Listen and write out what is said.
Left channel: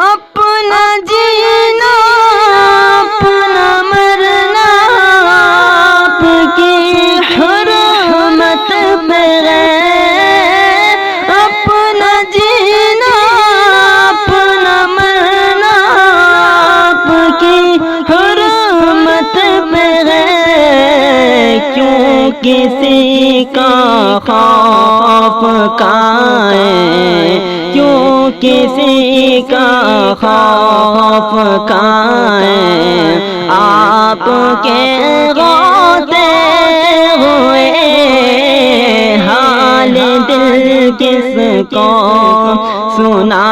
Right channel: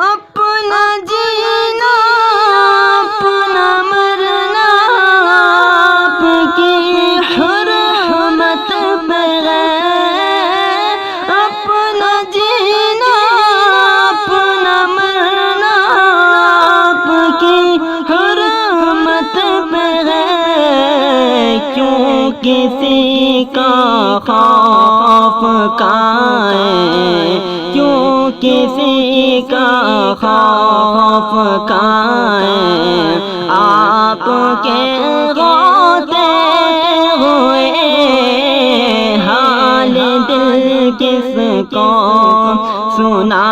अपना जीना अपना मरना आपकी हुर्मत पे है। अपना जीना अपना मरना आपकी हुर्मत पे है। क्यों किसी का खौफ काए, क्यों किसी का खौफ काए। आपके रोते हुए हाल दिल किसको सुना